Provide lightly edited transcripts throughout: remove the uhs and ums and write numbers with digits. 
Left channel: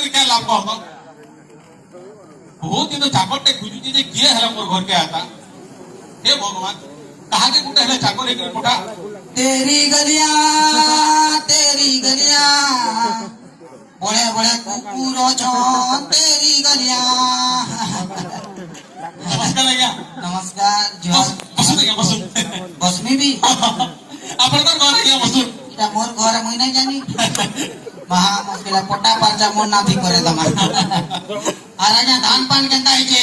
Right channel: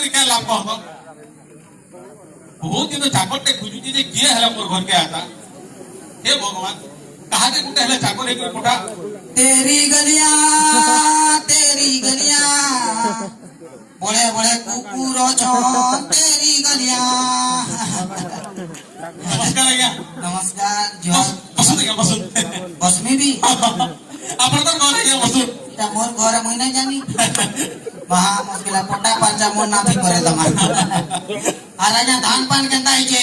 कर क्या लाभ कहतो बहुत दिन चाकरटे खोजुची जे किए हला मोर घर के आता हे भगवान कहा के कुटे हला चाकर एक कोटा तेरी गलियां बड़े बड़े कुकुरो छो तेरी गलियां। नमस्कार आज्ञा नमस्कार जोहार बसुन आज्ञा बसुन बसमी भी आपण तर घर आज्ञा बसुन এটা মোর ঘর মুই নাই জানি মহা মুশকিল পটা পাঁচা মোর না ঠিক করে দমা আর আজ্ঞা ধান পান কেনতা হইছে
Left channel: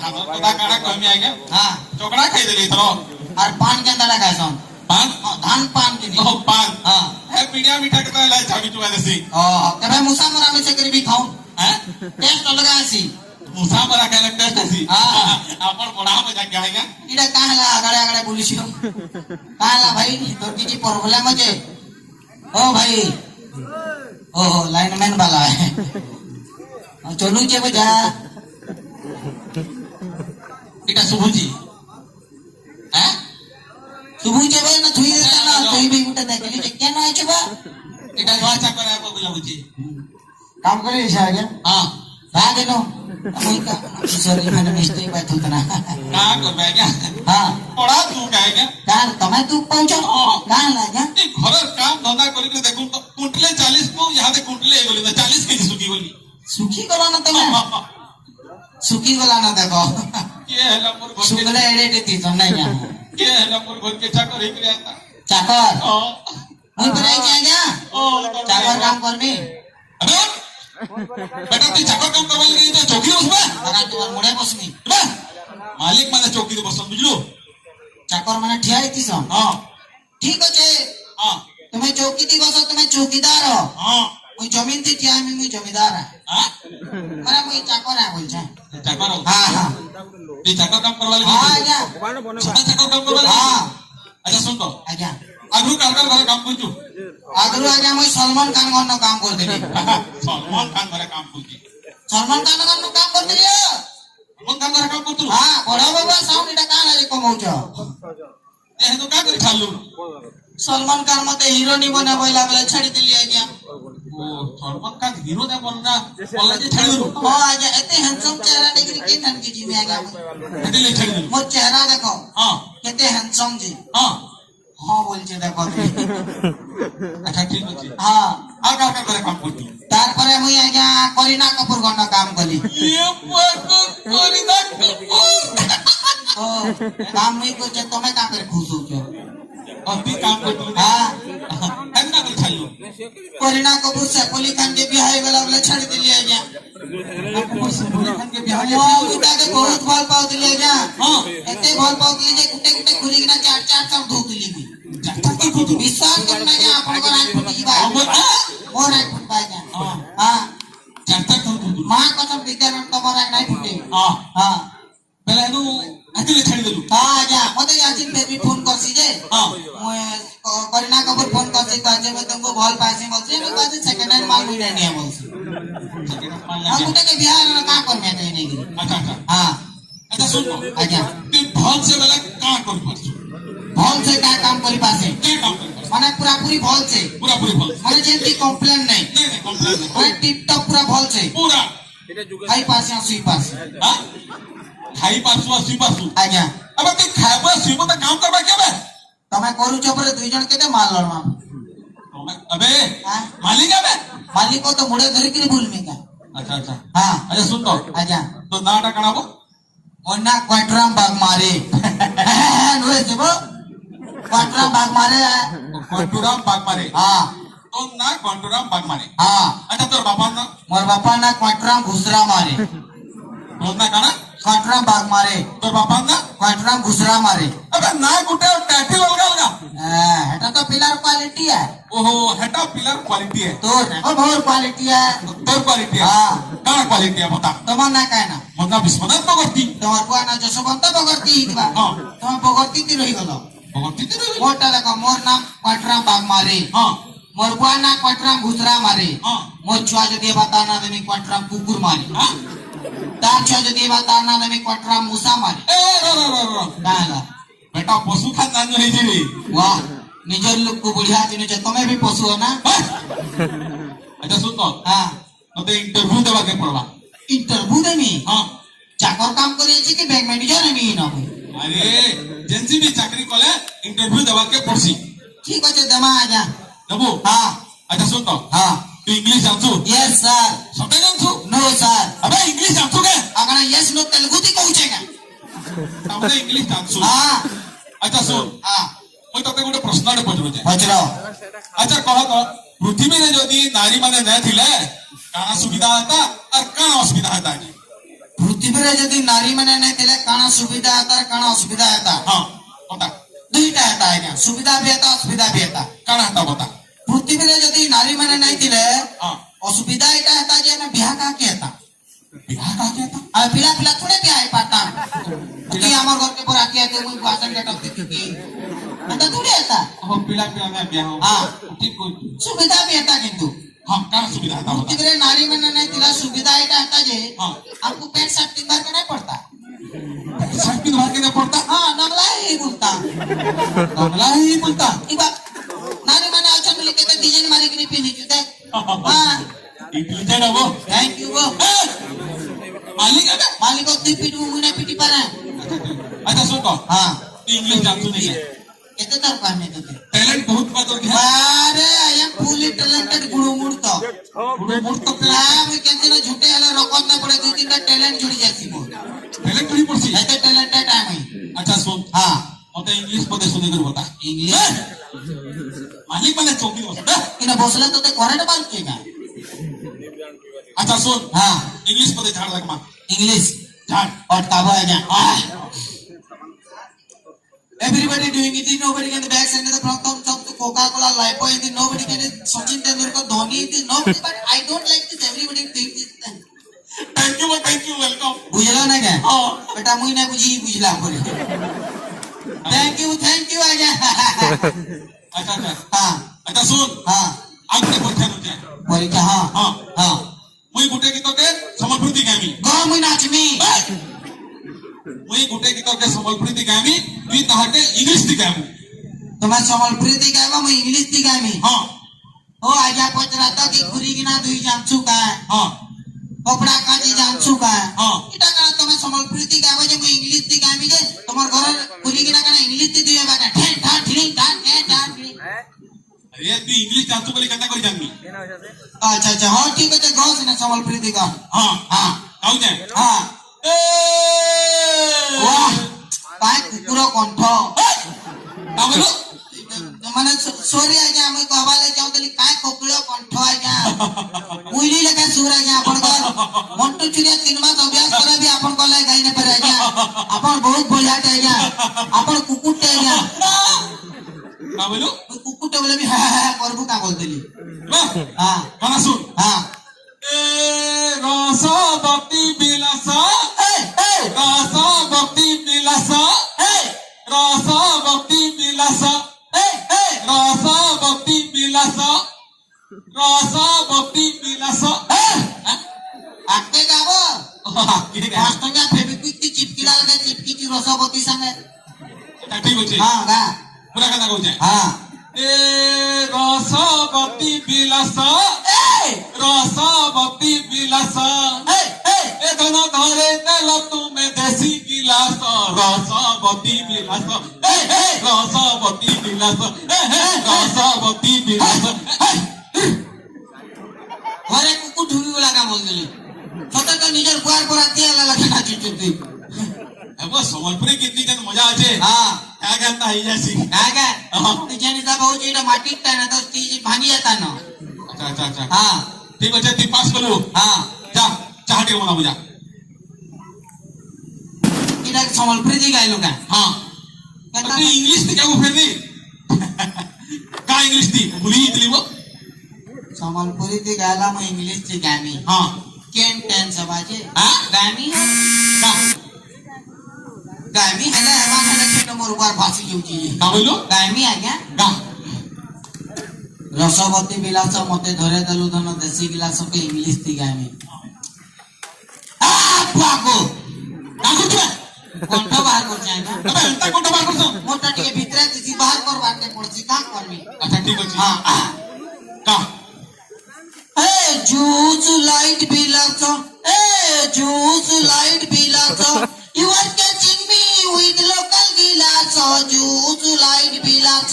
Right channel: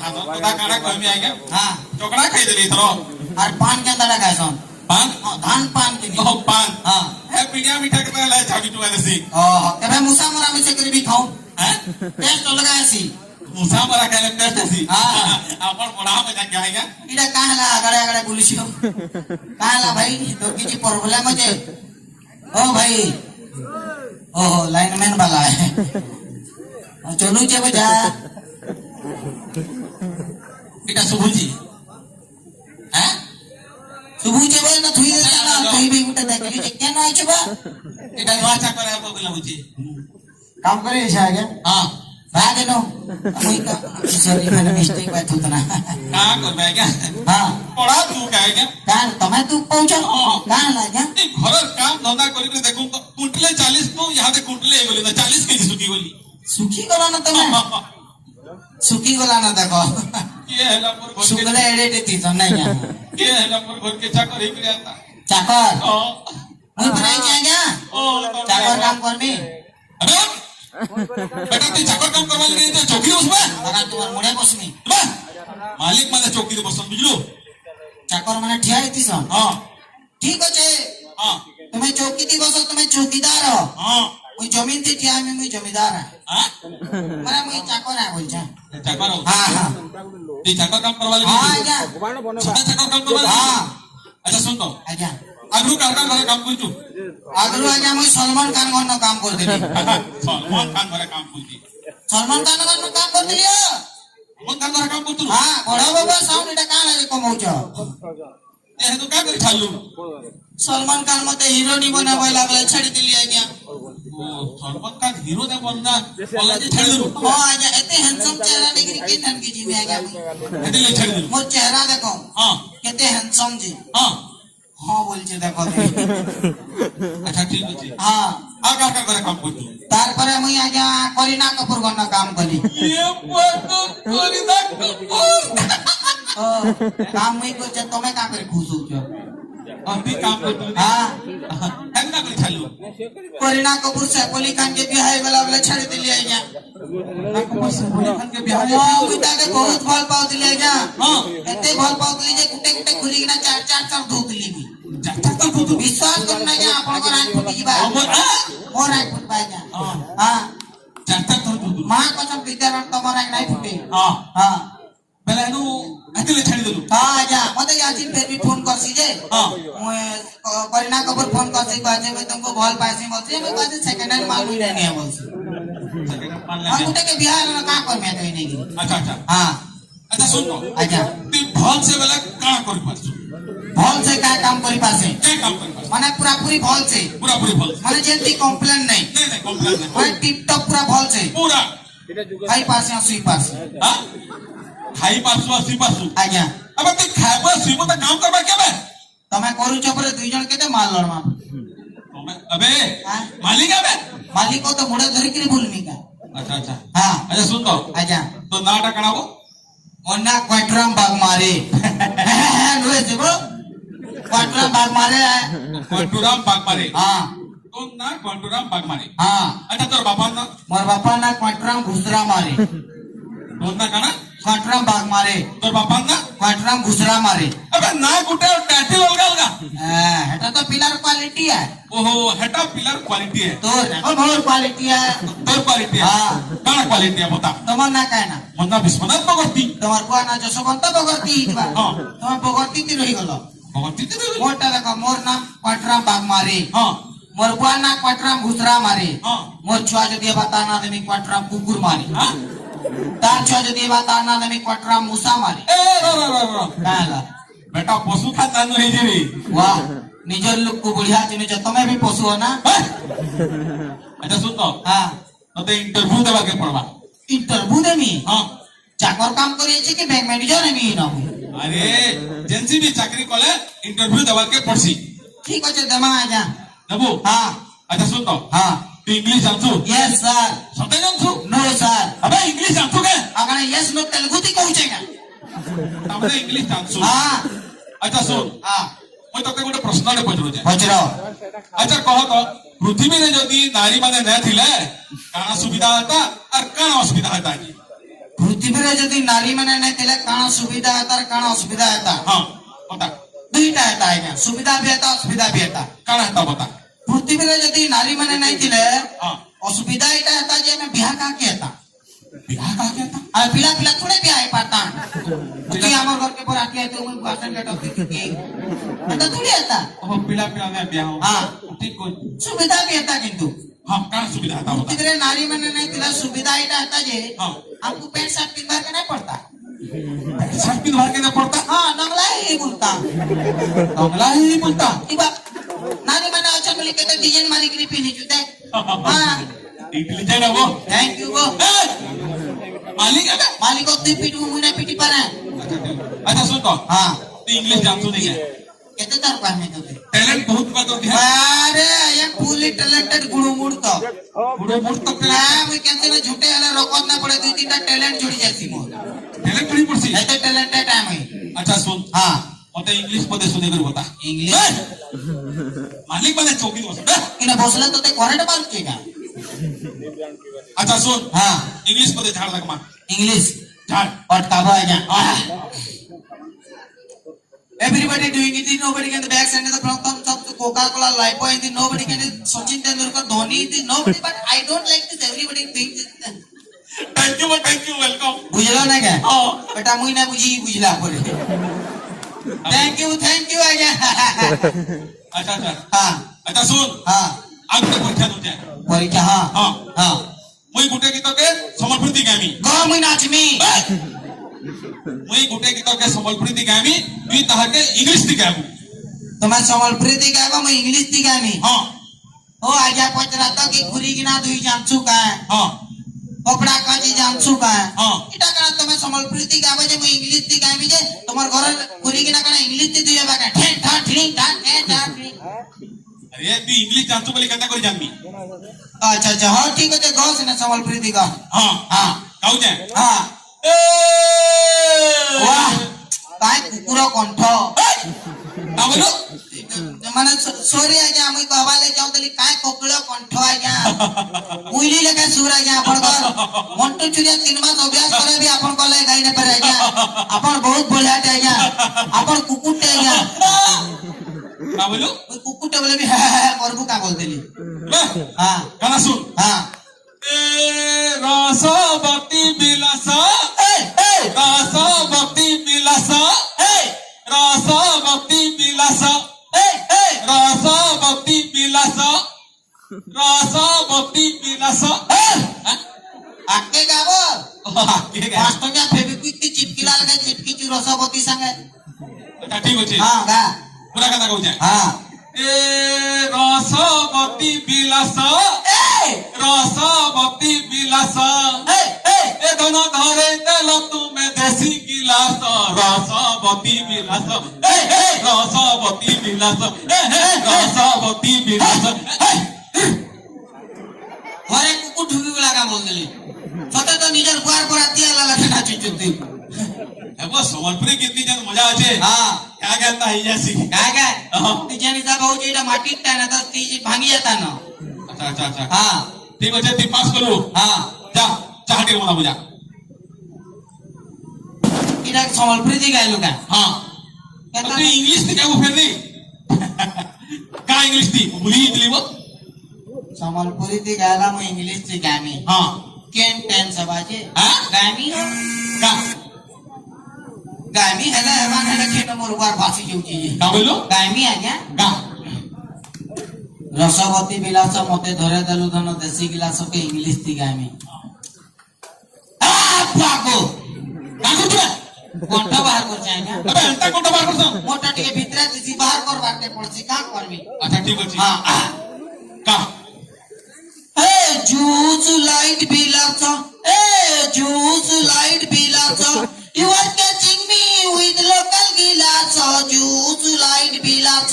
ধান কথা কাড়া কমি আজ্ঞা হ্যাঁ চকড়া খাই দেলি থর আর পান কেনতা লাগাইছন पान ধান পান কিনি ओ पान हां है पीडिया मीठा के ला चाबी चुका देसी ओ केबे मुसा मोरा में से कर भी खाऊ हैं टेस्ट लगासी मुसा मरा के टेस्ट देसी हां आपण बड़ा मजा के आज्ञा इडा काहला आगड़े आगड़े बोलिसियो काहला भाई तोर किछि प्रॉब्लम আছে ओ भाई ओहो लाइनमैन वाला है चलू के बजा इटा सुबुजी हैं सुबुजे भाई ना थुई देना कहीं भी उठे देख के क्या ना आइछ बा इटा वाचा करे आप बोला बुझी काम करे ऐसा आ गया हां भागे नो कोई का सॉरी मैंने मिस्टेक बात होता का कर बे क्या हां पड़ा तू का क्या कान तमे तू पहुंचा कान लगा घर काम धंधा करी के देखू तो कुंटले 40 नो यहां से कुंटले गोली तो 40 केजी सुकी गोली सुखी गला ना तमे सुखी गला ना देखो ये हला मोर घर सुखले एडे देती तो नहीं है ये हला मोर घर के चाकर एक रे आता चाकर ओ मुई बनाई जाएगा ओ चाकर काम करबी अरे बेटा तू चाकर काम करवा नहीं तो चौकी उसमें अगर तुम्हार मुड़े बसमी मालिक माने चौकी तो बसन बुझलो चाकर माने ठिया इति सन हां ठीक আছে हां तुम्हें चौकी दी बसो तुम्हें चौकीदार हो हां मुई जमीन थी ठिया में मुई जमींदार है हां माने मुई चाकर है बोल छे चाकर हो हां हां ये चाकर काम करवा ले हां आजा छोटा चाकर काम करवा ले हां अच्छा सुन तो आजा आगरू काका घर काम करजू आगरू आजा मुई सलमान खान गन काम कर देली सलमान खान घर काम करजी सलमान खान गन काम कर देली सलमान खान घर काम करतु हां बड़ा बाबा साउंड इटा का लागे कमौछ ये तो का कर खालू सलमान खान मते हीरो नी बना बोला बोले छड़ी दिली आजा ओ सलमान खान हीरो ने बनना कॉलेज छाड़ दू हां आजा एते हैंडसम चेहरा देख के ठन की जी में आजा हटे ले छाड़ दू मोर चेहरा देखो हां केते हैंडसम जी हां हां बोल छे देखो अच्छा ठीक আছে हां आ का घर काम करजू তারপরে মুই আজ্ঞা করিনা কাপুর গন্ড কাম করি ये बात करीना ও কাম মুই করছে তুমি কা করে খুশ হচ্ছ अभी काम करतु हां एन्ना कर खालू করিনা কাপুর से अली खान के बियाह हो गला बोले छाड़ दिली आज्ञा आपको सलमान खान के बियाह मुई ताके बहुत भल पाउ दिली आज्ञा हां एते भल पाउ दिली जे गुटे गुटे खुली ना चार चार चार धो दिली जाता तू विश्वास करना के आपन को रात फुटी बा मोर रात फुट बा जा हां हां जाता तू मां कसम विद्यारण तमरा नहीं फुटे हां हां पहले नु अकेले छाड़ी दलु हां आजा मते यासिन फिर भी फोन करसी जे हां मैं करीना कपूर फोन करसी बाजे में तुमको भल पासी बोलसी मैं बाजे सेकंड हैंड माल भी नहीं है बोलसी हम उठे के बिहार में काम कर में कहीं नहीं अच्छा अच्छा हां अच्छा सुन आजा तू भल से वाला का कर पास भल से का काम करी पासे क्या काम कर पास माने पूरा पूरी भल से पूरा पूरी भल माने जेंती कंप्लेन नहीं नहीं कंप्लेन नहीं ओए टिप टॉप पूरा भल से पूरा हाई पासे सुई पासे हां खाई पासु असि पासु आजा अब तू खाबो सुइबो त काम करबा के बे તમે કરું છો પર দুই જણ કેતે માલ લડવા अबे हां मालिक अबे मालिक को तो मुड़े धरी के भूलनी का अच्छा अच्छा हां अच्छा सुन तो आजा तो नाटा कणाबो ओना क्वाटराम बाग मारे नुरे जेबो क्वाटराम बाग मारे कंटूराम बाग मारे हां तो ना कंटूराम बाग मारे हां अच्छा तोर बापा ना मोर बापा ना क्वाटराम घुसरा मारे तो ना कणा क्वाटराम बाग मारे तोर बापा ना क्वाटराम घुसरा मारे अबे ना गुटे टाटी अलगा अलगा हेटा तो पिलर क्वालिटी है ओहो हेटा पिलर क्वालिटी है तोर और मोर क्वालिटी है तोर क्वालिटी है हां काना क्वालिटी है बता तमन ना कहना मन्ना विश्वनाथ बगर्ती तमर को ना जसवंत बगरती हितबा हां तम बगरती ती रही गलो बगर्ती ते मोटा देखो मोर नाम क्वाटराम बाग मारे हां मोर बुआ ना क्वाटराम घुसरा मारे हां मोर छुआ जदी बता ना देमी क्वाटराम कुकुर मारे हां तार छुआ जदी बता ना देमी क्वाटराम मूसा मारे ए रो रो रो रो काला बेटा पशु खानदान रे जेरी वाह निजर लोग को बुढ़िया चिन्ह छ तमे भी पशु हो ना अच्छा सुन तो हां मते इंटरव्यू देवा के पड़वा इंटरव्यू देनी हां चाकर काम करिए कि बैंक मैनेजर नहीं ना अरे जेंसी भी चाकरी कले इंटरव्यू देवा के पड़सी ठीक है दमा आजा नबू हाँ अच्छा सुन तो हाँ तू इंग्लिश जानसु यस सर समझ जानसु नो सर अबे इंग्लिश जानसु के अगर यस नो तेलुगु ती कहूचेगा तमने इंग्लिश जानसु हाँ अच्छा सुन हाँ মই তোকে গোটে প্রশ্নଟେ পচারুছে पचरो আচ্ছা কহ তো পৃথিবীরে যদি নারী মানে না থিলে কানা সুবিধা হতা আর কানা অসুবিধা হতা पृथ्वी रे यदि नारी माने नहीं थिले काना सुविधा आता काना असुविधा आता हाँ बता दुईटा आता है सुविधा भी आता असुविधा भी आता काना हता बता पृथ्वी रे यदि नारी माने नहीं थिले हाँ असुविधा इटा आता जे में बियाह का के आता बिहार का क्या था आ पिला पिला थोड़े बियाह पाता कि हमर घर के पर आके तो मुई भाषण के टॉपिक की एटा थोड़ी आता अब पिला पिला में बिहार हाँ ठीक कोई सुविधा भी आता किंतु हाँ काना सुविधा हता बता पृथ्वी रे नारी माने नहीं थिला सुविधा इटा आता जे हाँ हमको पैंट शर्ट तीन बार के नहीं पड़ता शर्ट पिन भर के ना पड़ता हाँ नगला ही बोलता अगला ही बोलता इबा नानी माने अच्छा मिल के तो डिजाइन मारी के पहनी जुते हां इंटेलिजेंट है वो थैंक यू वो मालिक है ना मालिक को ती पीटू मुने पीटी पाना अच्छा सुन तो हां तू इंग्लिश जानसु नहीं है केते तर कहने तो टैलेंट बहुत बात होती है अरे आई एम फुली टैलेंटेड गुड़मुड़ तो गुड़मुड़ तो ना मैं कहते ना झूठे हला रोकत ना पड़े दो तीन टैलेंट जुड़ी जाती मो टैलेंट थोड़ी पड़सी ऐसे टैलेंटेड टाइम है अच्छा सुन हां मते इंग्लिश पदे सुने कर बता इंग्लिश मालिक बने चौकी बसता इना बसला तो ते करंट मारतेगा अच्छा सुन हां इंग्लिश पदे झाड़ लग मां इंग्लिश झाड़ और काबा आ जा Everybody doing it. Nobody can the back side of the front thumb to Coca-Cola, Lipo, and nobody can Sachin Tendulkar, Dhoni. Nobody, but I don't like this. Everybody doing this. Thank you welcome बुझला ना क्या? हां बेटा मुई ना बुझी बुझला बोले. Thank you आ गया. अच्छा अच्छा हाँ अच्छा सुन हाँ आगे तो परीक्षा हो जाए परीक्षा हाँ हाँ हाँ मुई गुटे की तो के संबलपुरी गामी गो मुई नाचनी मुई गुटे की तो के संबलपुरी गामी तुई ताहा के इंग्लिश दी गामी तुम्हें संबलपुरी दी गावा मैं इंग्लिश दी गामी हाँ ओ आजा पचरा तो कि खुरी की ना धुई जामचू का है हाँ कपड़ा काजी जामचू का है हाँ इटा का तुम्हें संबलपुरी दी गावा जे मैं इंग्लिश दी गामी जे तुम्हार घर खुरी की ना का इंग्लिश दी दिया बाका ठेन ठा ठिन ठा ठेन ठा ठिन अरे तू इंग्लिश जानतो बोली कन्ना कर जाननी अच्छा अच्छा हाँ ठीक है तो गौ से ना संबलपुरी दी गा हाँ हाँ काऊ जाए हाँ वाह काय कुकुरा कंठ बोलो মানে সরি আজ্ঞা আমি কহবালে চাହୁଥିଲି काय কুকুরা कंठ আজ্ঞা উইলি লেখা সুর আজ্ঞা আপনার মন্টু চুরিয়া 3 মাস অভ্যাস করে भी আপন কলে গাই না পারে আজ্ঞা আপন বহুত বলিয়াতে আজ্ঞা আপন কুকুরতে আজ্ঞা बोलो कुकुरते बोले भी हाँ करबू का बोल देली हाँ गाना सुन हाँ रसा भक्ति विलासा रसा भक्ति विलासा रसा भक्ति विलासा रसा भक्ति विलासा रसा भक्ति विलासा आके गावो मास्टर या फेविक्विक की चिपकी लाल का चिपकी ची रसावती संगे अच्छा ठीक है हाँ गा पूरा गाना गाऊ जाए हाँ रसा भक्ति विलासा रसा भक्ति विलासा ए धना धरे तेल तुमे देसी गिलास रसा भक्ति विलास रसा भक्ति विलास रसा भक्ति विलास घरे कुकुर ढूंढी वाला का बोल देली छोटे तो निजर बुआर पर आती है लगा नाची चुती वो संबलपुरी कितनी जन मजा आछे हाँ क्या कहता है जैसी काय काय तुझे जा भाऊ जी माटी टाइम तर ती भांगी जाता ना अच्छा अच्छा अच्छा हाँ ठीक है ती पास करू हाँ जा चाह टे बना मजा इधर संबलपुरी दी गाय लोग हाँ कहता तू इंग्लिश ती क्या फिर नहीं का इंग्लिश ती भूली इतनी वो संबलपुरी दी गायला मैं इंग्लिश दी गानी हाँ केन टेन सबाजे हाँ गानी है का गायमी हेला हेवा हेला खेतो मोर बार फांसी जाउची का बोलो गायमी आज्ञा का रसवती विलास मते धरे दलु धन देसी गिलास के इंग्लिश दी गायमी आ बाबू का कुछ कंठ बाहर कर जाए ना अबे अंता कोटा बार करसा मोटा टिके भीतर दिसी बाहर कर बाटे पड़सी का करमी अच्छा ठीक है हां का ए juice light bilas juice light bilas you are catching me with local gilas juice light bilas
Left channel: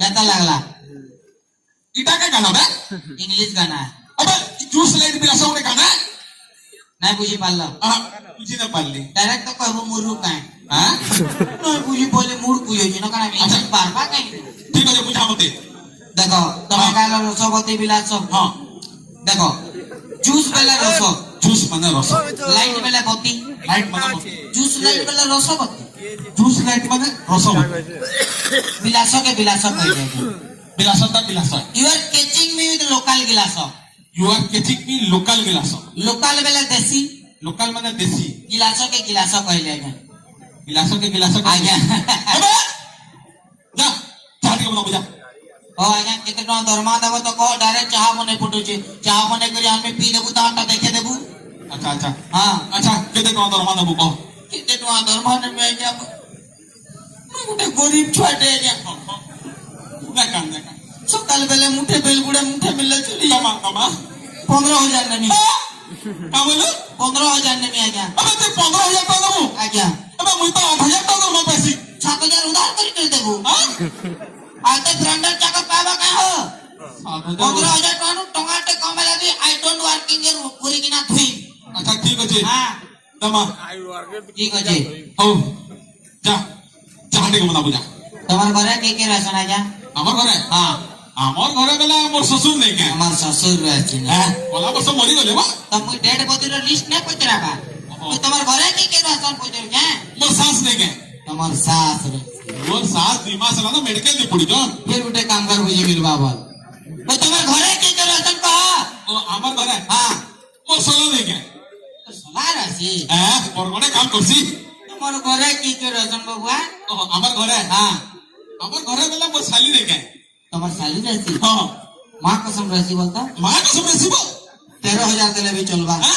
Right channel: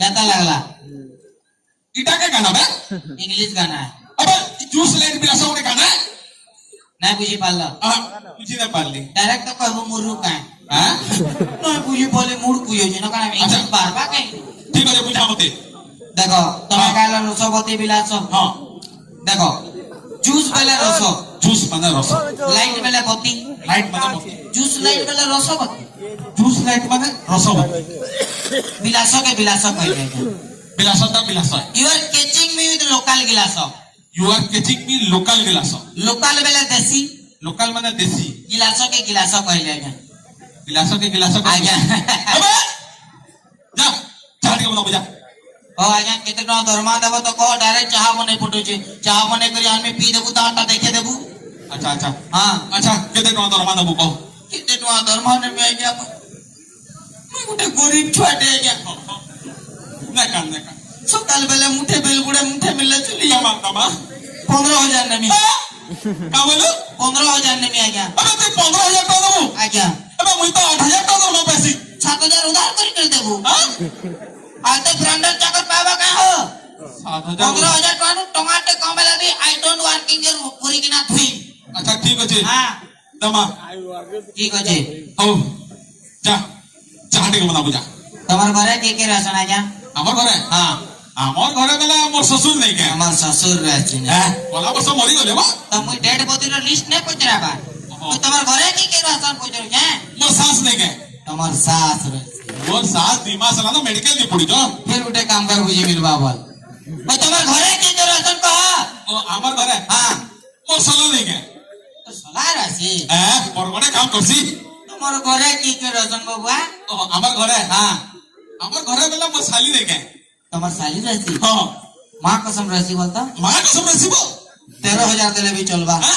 कैसा लगला इटा का गाना बे इंग्लिश गाना है अबे जूस लाइट भी असो का गाना नहीं बुझी पाला हां तुझी ना पाडली डायरेक्ट तो कहबो मुर्रु काए हां नहीं बुझी बोले मूड कुयो जिनो काना अच्छा। इंग्लिश बारबा काए ठीक है बुझा मते देखो तुम्हें कहला रसवती बिलास हां देखो जूस बेला रस जूस माने रस लाइट बेला बत्ती लाइट माने जूस लाइट बेला रसवती जूस लाइट माने रस बिलास के बिलास कह बिलासता बिलासा you are catching me with local गिलास you are catching me local गिलास लोकल बेला देसी लोकल माने देसी गिलास के गिलास कहले आज्ञा गिलास के गिलास आज्ञा अबे जा चाट के बना बुझा ओ आज्ञा केते टका दरमा देबो तो कह डायरेक्ट चाह बने फुटो छे चाह बने करी हमें पी देबू ताटा देखे देबू अच्छा अच्छा हां अच्छा केते टका दरमा देबू कह केते टका दरमा ने में आज्ञा मैं गुटे गरीब छुआटे आज्ञा ना कान सकाल बेले मुठे बेल गुड़े मुठे मिलले चली तमा 15,000 नेमी का बोलो 15,000 नेमी आज्ञा अबे तू 15,000 टका देबू आज्ञा अबे मुई तो 8,000 टका देबू पैसे 7,000 उधार कर देबू हां आते ब्रांडर चाकर पावा का हो 7,000 15,000 टका नु टमाटे कमेला भी I don't want in your पूरी किना थुई अच्छा ठीक अछि हां तमा ठीक अछि हो जा चाट के बना बुझा तमर घरे के राशन आज्ञा हमर घरे हां हमर घरे बेला मोर ससुर नहीं के हमर ससुर रह छी हां वाला वर्ष मरि गले बा त मुई डेड बॉडी रो लिस्ट ने पचरा बा तो तमर घरे के राशन पचर जे मोर सास नहीं के तमर सास रे मोर सास बीमा सला ना मेडिकल ले पड़ी जो फिर गुटे काम कर बुझी मिलबा बोल ओ तमर घरे के राशन कहा ओ हमर घरे हां मोर सला नहीं के तो सोना राशि हां मोर घरे काम करसी तमर घरे के राशन बबुआ तो हमर घरे हां हमर घरे बेला मोर साली नहीं के तमर साली राशि हां मां कसम राशि बोलता मां कसम रसीबो 13,000 देले भी चलबा हां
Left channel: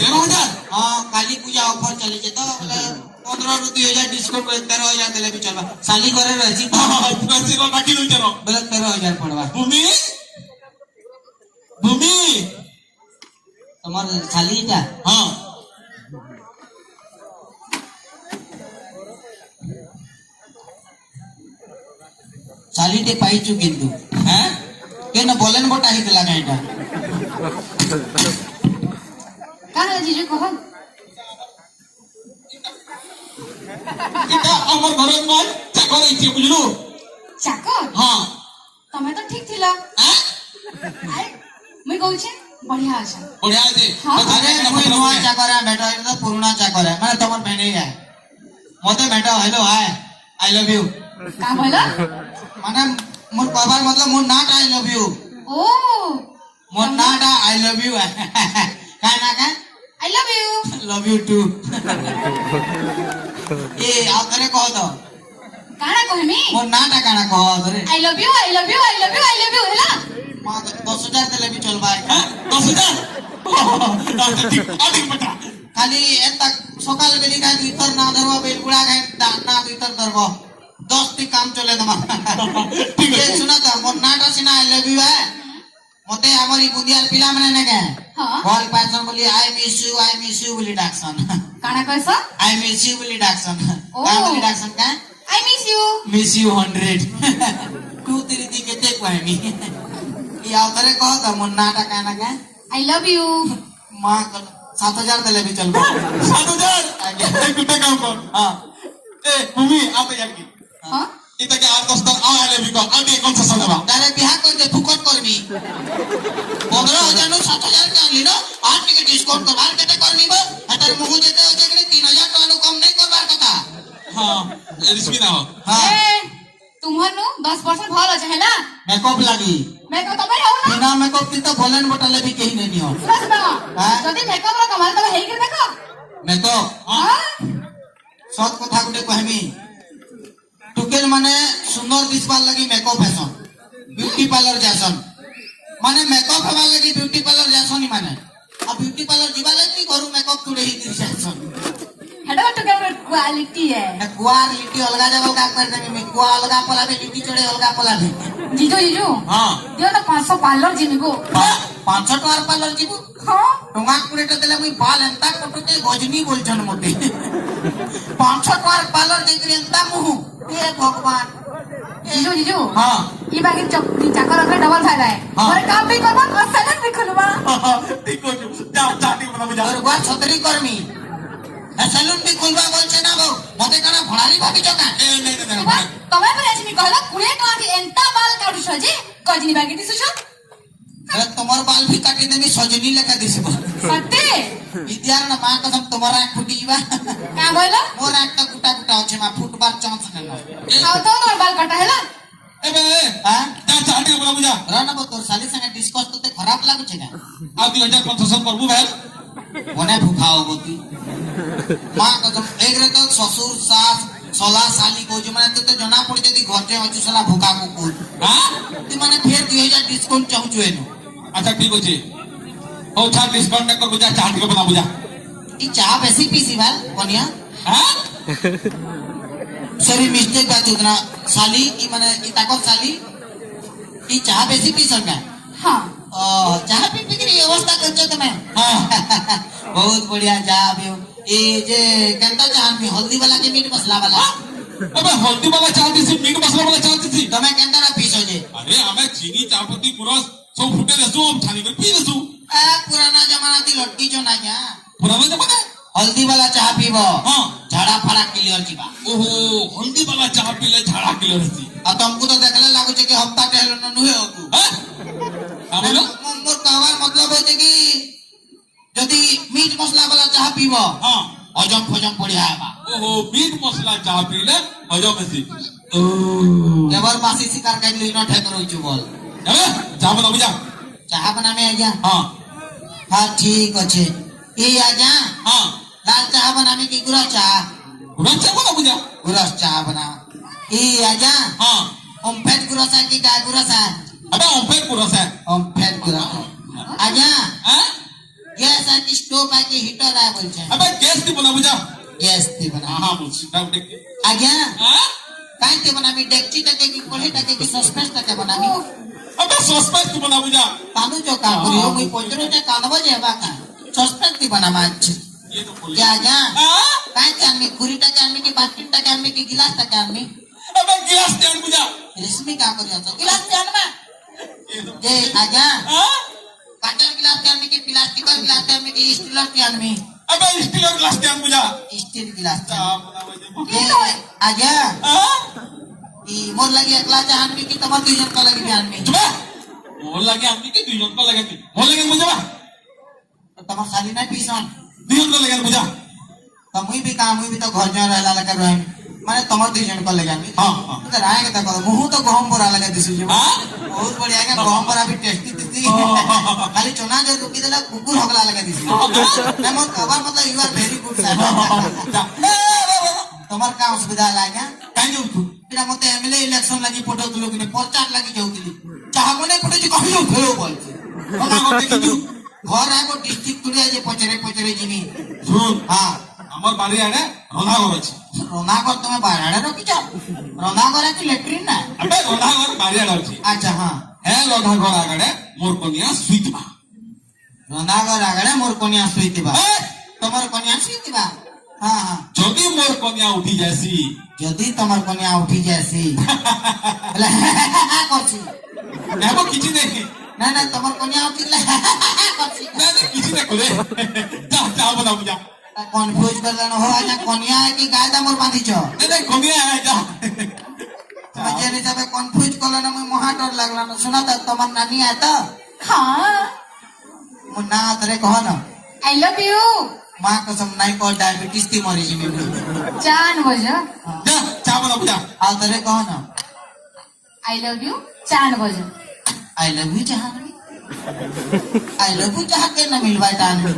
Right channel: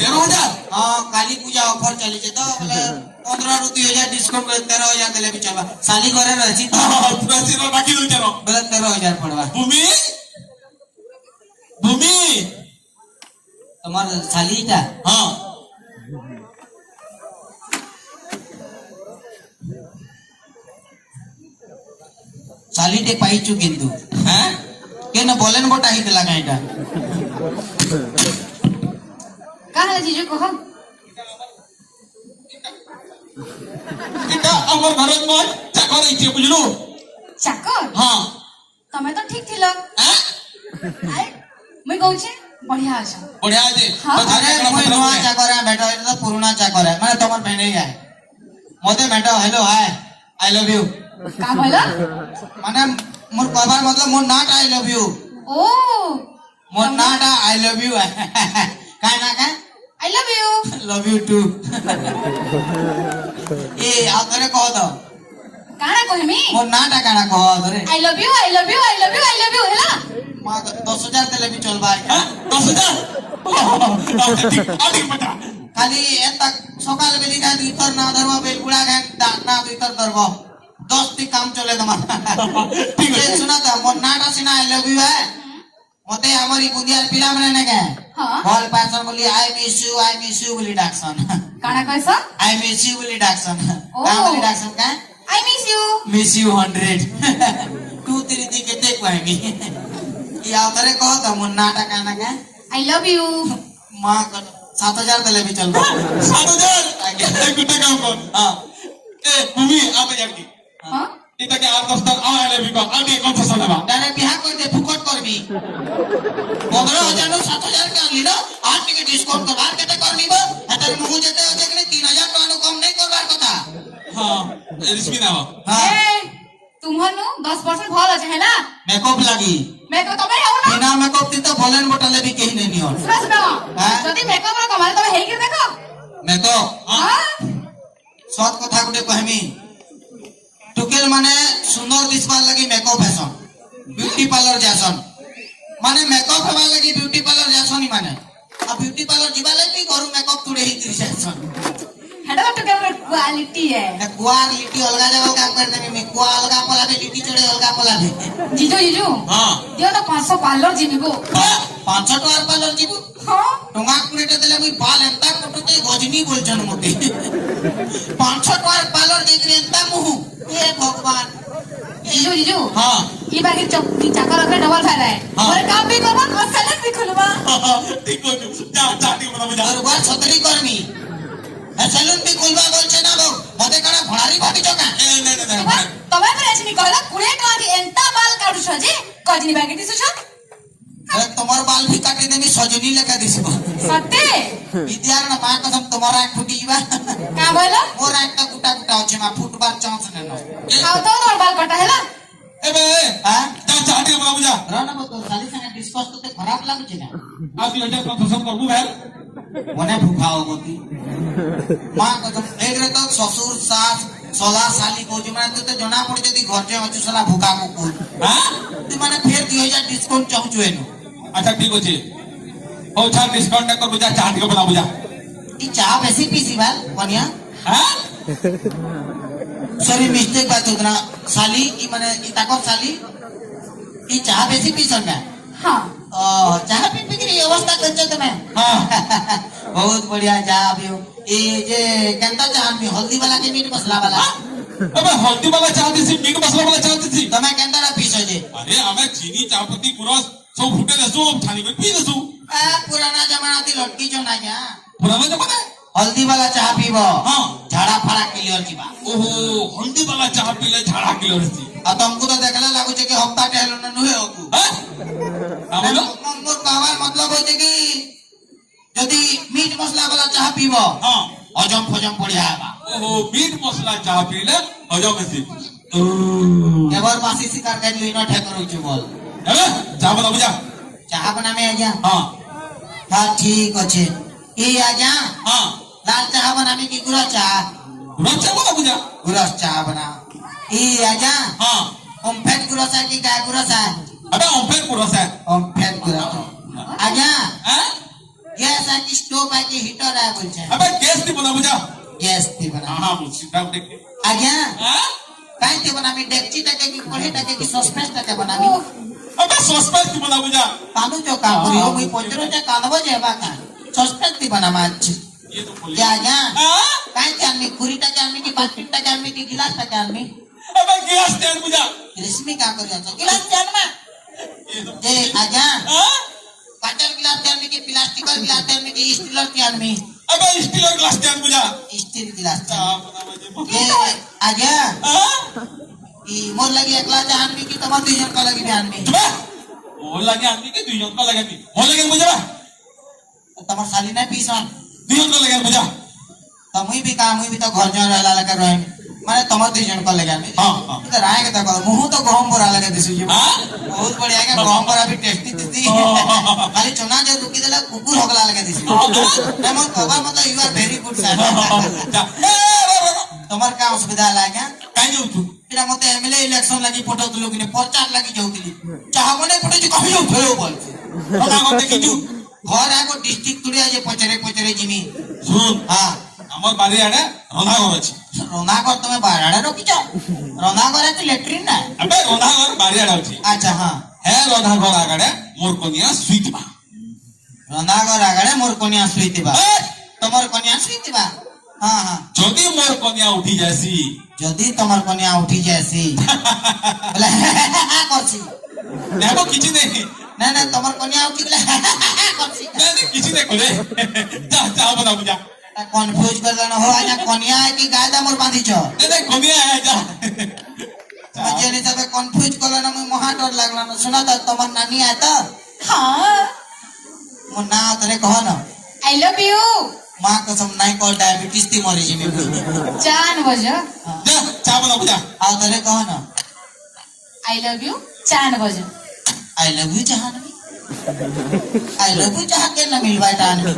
13,000 हां काली पूजा ऑफर चली छे तो बोले 15 रु 2,000 डिस्काउंट में 13,000 देले भी चलबा साली घरे रहछी रसी रो बाकी नहीं चलो बोले 13,000 पड़वा भूमि भूमि तमर साली का हां साली ते पाई चु किंतु हैं के न बोलेन बोटा हित लगा एटा कहाँ जीजू कह इटा हमर घरे मोर चाकर इचे बुझलु चाकर हां तमे तो ठीक थिला हैं अरे मैं कहू छे बढ़िया आछा बढ़िया दे हाँ। अरे मुई नवा चाकरा बेटा ये तो पुराना चाकर है माने तमर बहन है मोटे बेटा hello hi I love you का बोला माने मोर बाबा मतलब मोर नाट आई लव यू ओ मोर नाट आई लव यू का ना का I love you love you too ए आ करे कहो तो काना कहमी मोर नाट काना कहो रे आई love you I love you I love you I love you हैला मां 10,000 देले भी चलबा हैं 10,000 आदि बटा खाली एता सकाल बेली का भीतर ना धरवा बेल गुड़ा का ना भीतर धरबो 10 टी काम चले दमा ठीक है सुना तो मोर नाटा सिना आई लव यू है मते हमरी बुंदियार पिला मने ने के हां बॉल पासन बोली आई मिस यू बोली डाक्सन काना कहसा आई मिस यू बोली डाक्सन ओ। का बोली डाक्सन का I miss miss you you 100 तू तेरी दी केते कहमी या करे कहो तो मोर नाटा काना का आई लव यू मां 7,000 देले भी चलबो 7,000 आगे कुटा काम कर हां ए भूमि आ तो यार की हां इता के 8-10 तक आ आले भी को आटे कौन सा सडवा डायरेक्ट बिहा कर दे फुकट करनी 15,000 नो 7,000 के आनली ना 8 के डिस्काउंट तो बाहर केते करनी बा अतर मुह जेते हो जे 3,000 टका नो कम नहीं करबार कथा हां रिस्की ना हो हां ए तुम्हर नो 10% भल আছে है ना मेकअप लागी मैं तो तमे हो ना बिना मेकअप ती तो बोलन बोटले भी कहीं नहीं हो सुना सुना हाँ? जदी मेकअप रो कमाल तमे हे के देखो मैं तो हां सत कथा गुटे कहमी टुकेल माने सुंदर दिसबार लगी मेकअप हैसन ब्यूटी पार्लर जासन माने मेकअप हवा लगी ब्यूटी पार्लर जासन ही माने अब ब्यूटी पार्लर जीवा लगी घरु मेकअप तुड़े ही तिर जासन हेडो तो केवल क्वालिटी है ना गुआर लिट्टी अलगा जगह का कर देंगे मैं गुआ अलगा पला दे लिट्टी चढ़े अलगा पला दे जीजू जीजू हां दियो ना 500 पार्लर जिनिबो हां 500 टकार पार्लर जीवु हाँ टंगा 20 टा देले मुई बाल एंता कटुते गजनी बोलछन मते 500 टकार पार्लर देख एंता मुहु ए भगवान जीजू जीजू हाँ ये बाकी चाकर रखने डबल फायदा है हाँ। और काम भी करवा और सैलून भी खुलवा ठीक हो जा चाटी बना बुझा और बार छतरी कर्मी सैलून भी खुलवा बोलछे ना गो मते काना भणारी भाबिछ का ए नहीं तमे पर एचमी कहला 20 टका दी एंता बाल काढी सजे कजनी बाकी दिसु छ अरे तुम्हार बाल भी काटी देमी सजनी लगा दिसबो सत्ते विद्यार ना मां कसम तुम्हारा आंख फुटी जीवा का बोला मोर आंख का कुटा कुटा होचे मा फुटबार चांस ने नो आओ तो और बाल कटा है ना ए बे हां जा चाटी बना बुझा राना बो तोर साली संगे डिस्कस तो खराब लागु छे ना आ 2000 कंसेशन करबू भाई कोने भूखाओ गोती मां कसम एक रे तो ससुर सास 16 साली को जे माने तो जना पड़ जदी घर जे अछि सला भूखा को कुल हां तू माने फिर 2000 डिस्काउंट चाहू छुएनु अच्छा ठीक अछि हो छा डिस्काउंट कर बुझा चाटी को बना बुझा ई चाह बेसी पीसी बाल कोनिया हां सॉरी मिस्टेक बात उतना साली ई माने ई ताकर साली ई चाह बेसी पीसन का हां चाह पी पी की अवस्था करछो तमे हां बहुत बढ़िया चाह पियो ये जे केंता चाह में हल्दी वाला के मीट मसाला वाला अबे हल्दी वाला चाह दिसी मीट मसाला वाला चाह दिसी तमे केंता ना पीसो जे अरे हमें चीनी चापत्ती गुरस सब फुटे देसु हम छानी कर पी देसु आ पुराना जमाना थी लटकी जो ना जा पुराना जमाना हल्दी वाला चाह पीबो हां झाड़ा फाड़ा क्लियर जीवा ओहो हल्दी वाला चाह पीले झाड़ा किलो रहती आ तुमको तो देखला लागु छे कि हफ्ता टहलो न नुहे होकु हां बोलो मोर कहवार मतलब होचे कि यदि मीट मसाला वाला चाह पीबो हां हजम फजम बढ़िया हेबा ओहो मीट मसाला चाह पीले हजम से एबर मासी शिकार कर लुई न ठेकरो छु बोल अबे चाह बना बुझा चाह बना में आजा हां हां ठीक अछि ई आजा हां लाल चाह बना में की गुरा चाह गुरस चाह बना बुझा गुरस चाह बना ई आजा हां ओम फेट गुरस है कि गाय गुरस है अबे ओम्फेट गुरस है ओम फेट गुरस आजा हैं गैस है कि स्टोव है कि हीटर है बोल छे अबे गैस की बना बुझा गैस थी बना हां बोल सिटाव देख के आजा हैं काई ते बना में डेक्ची टके की कढ़ी टके की सस्पेंस टके बना में अबे सस्पेंस की बना बुझा कानू जो काम करी हो मुई पोचरो जे कानबो जे बा का सस्पेंस थी बना माच ये तो बोल क्या जा हां काई ते आदमी खुरी टके आदमी की बास्केट टके आदमी की गिलास टके आदमी अबे गैस तेल बुझा रेशमी का करियो तो गिलास जान में ये तो जे आजा हां काचर गिलास के आदमी की प्लास्टिक गिलास के आदमी की स्टील के आदमी अबे स्टील ग्लास तेल बुझा स्टील गिलास चाह बना बुझा ये आजा हां ई मोर लगी एक ग्लास आदमी की तमाम दुजन का लगी आदमी चुप बोल लगे आदमी के दुई जन का लगे बोल लगे बुझा तमार साली नहीं पीसन दुई जन का लगे बुझा तो मुई भी काम मुई भी तो घर जा रहला लगा रहे माने तमार दुजन का लगा हां हां तो राय के तक मुंह तो गहम बोरा लगे दिसु जी हां बहुत बढ़िया है गहम बोरा भी टेस्टी दिसी खाली चना जो रुकी देला कुकुर होगला लगे दिसी मैं मोर कबार मतलब यू आर वेरी गुड साहब तमार का असुविधा लागे काई जो तू इरा मते एमएलए इलेक्शन लगी फोटो तो लोग ने प्रचार लगी जाऊ के चाह मने फोटो जी कहि जाऊ थयो बोल हमरा को देखि तू घर आगो डिस्ट्रिक्ट तुड़िया जे पचरे पचरे जिमी सुन हां हमर बारी आडे रंधा घर अछि रनागर तुम्हें बाराड़ा रखी जा रनागर की लेट्रिन ना अबे रंधा घर बारी आडे अछि अच्छा हाँ हे रंधा घर आगडे मोर कन्या स्वीट बा रनागर आगड़े मोर कन्या सुईती बा ए तमर कन्या सुईती बा हाँ हाँ যদি মোর কন্যা উঠি যাসি যদি তোমার কন্যা উঠি যাসি বলে করছি দেখো কিছু নেই না না তোমার কন্যা উঠি গেলে করছি না না কিছু নেই করে যা যা বলা বুঝা কনফিউজ করলে না हो আজ কন্যা है कि गाय मोर बांधी छ না না কমিয়া আয় যা बच्चे ने जब कन्फ्यूज करले ना मुझे महा डर लागला ना सुना तो तुम्हार नानी है तो हाँ मुन्ना तरे कहो ना आई लव यू माँ कसम नहीं कर डायबिटीज थी मरी जी में चान बजा যা যা বলা বুঝা आओ तरे कहो ना आई लव यू चान बजा आई लव यू जहां आई लव यू जहां के ना मिलवा टान में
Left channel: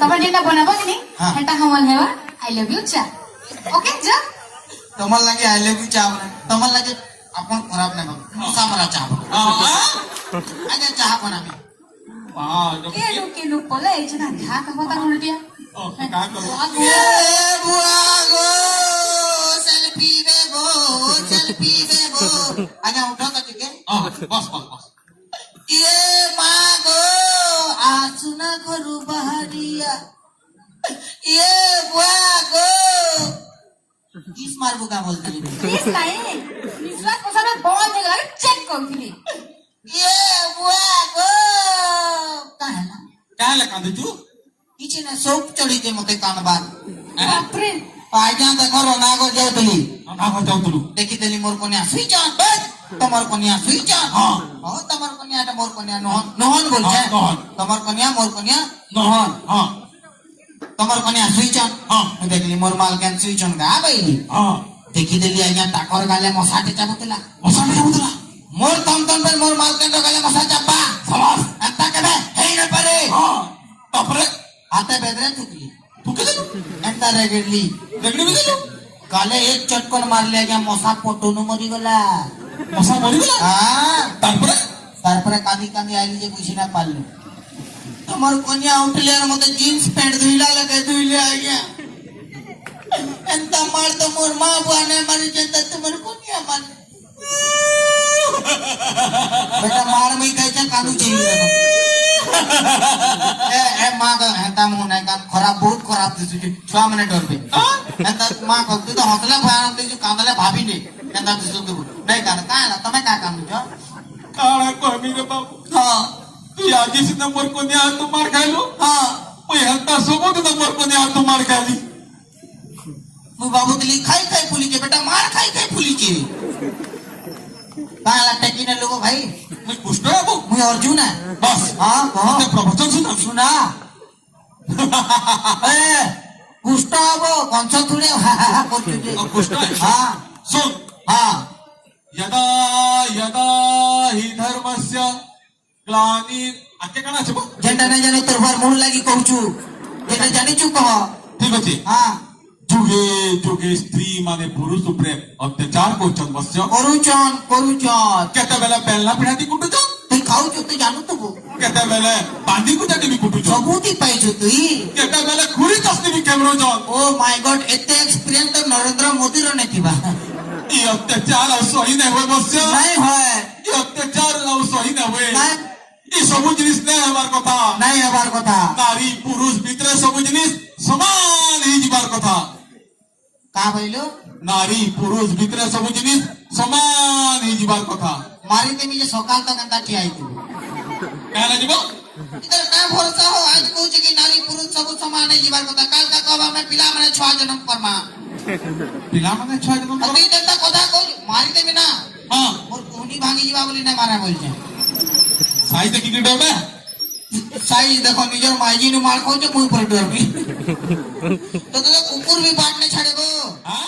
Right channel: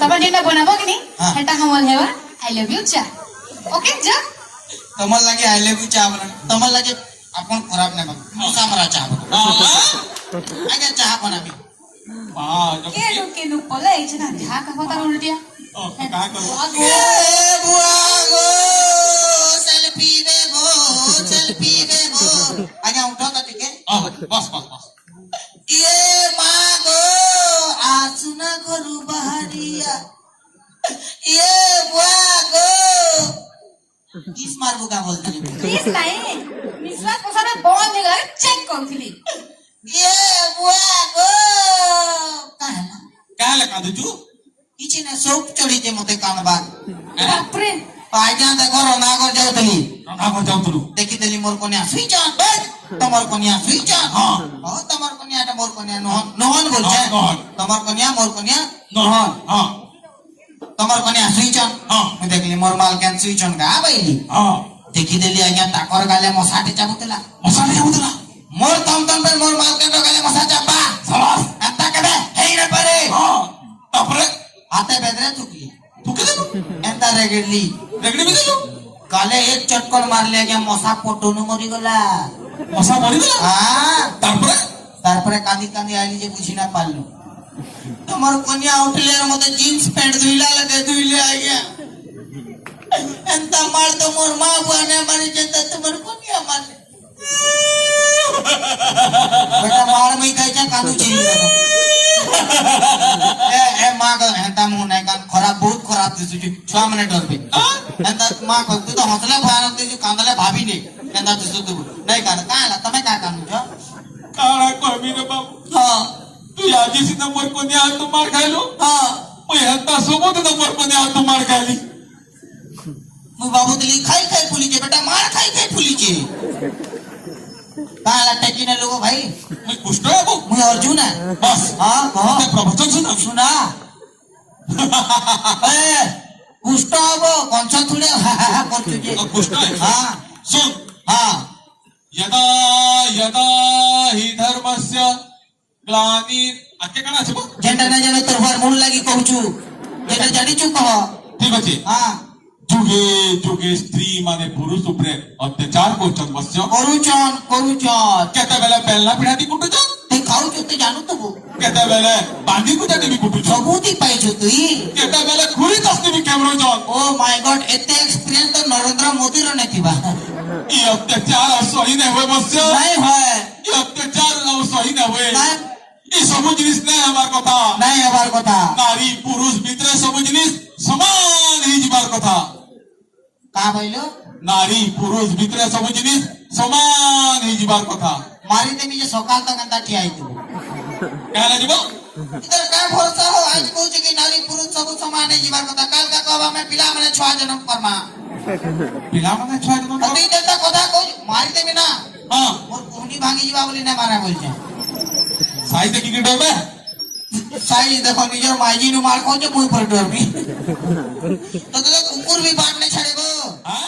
तब डिनर बनाबो कि नहीं हाँ। हेटा हमल हेवा आई लव यू चा ओके जा तमल लगे आई लव यू चाह बना तमल लगे अपन खराब नहीं बना सामरा चाह बना हां आजा चाह बना में हां के नु पले इतना ढा का पता उल्टिया का करो ये बुआ गो सेल्फी में गो आजा उठो तो ठीक है हां बस बस बस ये माँ गो किस मारबो का बोलते हैं प्लीज नहीं निश्वास प्रश्वास बंद ହେଇଗଲା ଚେକ୍ କରୁଥିଲି ये बुआ गो काहे ना କାହା ହେଲା କାନ୍ଦୁଛୁ किछि ना सोप चढ़ी जे मते कानबार ବାପରେ आज्ञा देखो रनागर जाउतली ରଣାଘର ଯାଉଥିଲୁ ଦେଖିଦେଲି मोर कन्या सुइचान तमर कन्या सुइचान ହଁ हां तमर कन्या टा मोर कन्या नहन नहन बोलछे हाँ, नहन। तमर कन्या मोर कन्या ନହନ ହଁ तमर कन्या सुइचान ହଁ मैं देखली मोर माल केन सुइचान गा बैली ହଁ ଦେଖିଦେଲି आज्ञा टाकर गाले मसाटे चाबुतला ମଶାଣି ଯାଉଥିଲା मोर तम तम पे मोर माल केन गाले मसा चाबा ସବାସ एंता केबे हेई रे परे ହଁ ତାପରେ हाथे बेदरे थुकली ତୁ କେତେ एंता रेगडली ରେଗଡି ବି ଦେଲୁ काले एक चटकन मारले आज्ञा मसा पटोनु मरी गला ମଶା ମରିଗଲା हां ତାପରେ तारपरे कांदी कांदी आइली जे बुझी ना पारलु तमर कन्या उठले रे मते जीन्स पैंट धुइला लगे धुइले आ गया एंता मार तो मोर मां बुआ ने मारी जंता तमर कन्या मार बेटा मार में कह के कानू चाहिए ए मां का एंता मुंह नहीं कान खराब बहुत खराब दिसु जी 6 मिनट और पे एंता मां को तू तो हौसला भयानक दिसु कांदले भाभी ने एंता दिसु तू नहीं कान काला तमे का कानू छ କାଣା କହିବି ରେ ବାବୁ हां ତୁ ଆଜି ସିନା ମୋର କନ୍ୟା ହାତ ମାର ଖାଇଲୁ हां ମୁଁ ହେନ୍ତା ସବୁଦିନ ମୋର କନ୍ୟା ହାତ ମାର ଖାଇଲି ମୁଁ ଭାବୁଥିଲି ଖାଇ ଖାଇ ଫୁଲିଛେ ବେଟା ମାର ଖାଇ ଖାଇ ଫୁଲିଛେ କାହେଲା ଟେକିନେ ଲୋକ ଭାଇ ମୁଇଁ କୁଷ୍ଟ ବାବୁ ମୁଁ ଅର୍ଜୁନ ବସ୍ ହଁ କହ ମତେ ପ୍ରବଚନ ଶୁଣାବି ଶୁଣା ଏ କୁଷ୍ଟ ହବ କଂସ ଥୁଡେ କରୁଛୁ ଯେ କୁଷ୍ଟ ହଁ ଶୁଣ ହଁ यदा यदा हि धर्मस्य ग्लानि आके काଣା ଆସିବ ଯେଟା ନାଇଁ ଜାনো ତୋର ଘର ମୁଣ୍ଡ ଲାଗି କହୁଛୁ ଯେଟା ଜାଣିଛୁ କହ ଠିକ ଅଛି ହଁ ଯୁଗେ ଯୁଗେ ସ୍ତ୍ରୀ ମାନେ ପୁରୁଷ ଉପରେ ଅତ୍ୟାଚାର କରୁଛନ୍ ବସ୍ୟ କରୁଛନ୍ କେତେବେଳେ ବେଲନା ପିଢାଟି କୁଟୁଛନ୍ ତୁଇ ଖାଉଛୁ ତୁ ଜାଣୁଥିବୁ କେତେବେଳେ ବାନ୍ଧି କୁଟାଟି ବି କୁଟୁଛନ୍ ସବୁଠି ପାଇଛୁ ତୁଇ କେତେବେଳେ ଖୁରୀ କସ୍ତି ବି କେମରୁଛନ୍ ଓ ମାଇ ଗଡ୍ ଏତେ ଏକ୍ସପିରିଏନ୍ସ ତ ନରେନ୍ଦ୍ର ମୋଦିର ନେଥିବା ଇ ଅତ୍ୟାଚାର ଆଉ ସହି ନାଇଁ ହୁଏ ବସ୍ୟ ନାଇଁ হয় ଇ ଅତ୍ୟାଚାର ଆଉ ସହି ନାଇଁ ହୁଏ ନାଇଁ ଇ ସବୁ ଜିନିଷ ନାଇଁ ହେବାର କଥା ନାଇଁ ହେବାର କଥା ନାରୀ ପୁରୁଷ ଭିତରେ ସବୁ ଜିନିଷ ସମାନ ହେଇଯିବାର କଥା କା କହିଲୁ ନାରୀ ପୁରୁଷ ଭିତରେ ସବୁ ଜିନିଷ ସମାନ ହେଇଯିବାର କଥା ମାରିଦେମି ଯେ ସକାଳ ତକ ଏନ୍ତା ଠିଆ ହେଇଥିବୁ କାହିଁକି ଯିବ इधर का भरोसा हो आज कहूँ कि नारी पुरुष सब समान है जीवन कथा काल का कहवा में पिला मने छुआ जन्म परमा ପିଲାମାନେ ଛୁଆ ଜନ୍ମ अति देता कथा कहूँ मारी देबी ना ହଁ मोर कोहनी भांगी जीवा बोली ना मारा बोलते ସାଇ ଦେଖିକି ଡରବେ साई देखो निजर माइजी नु मार कहूँ मुई पर डरमी तो कुकुर भी बांट नहीं छड़ेगो ହଁ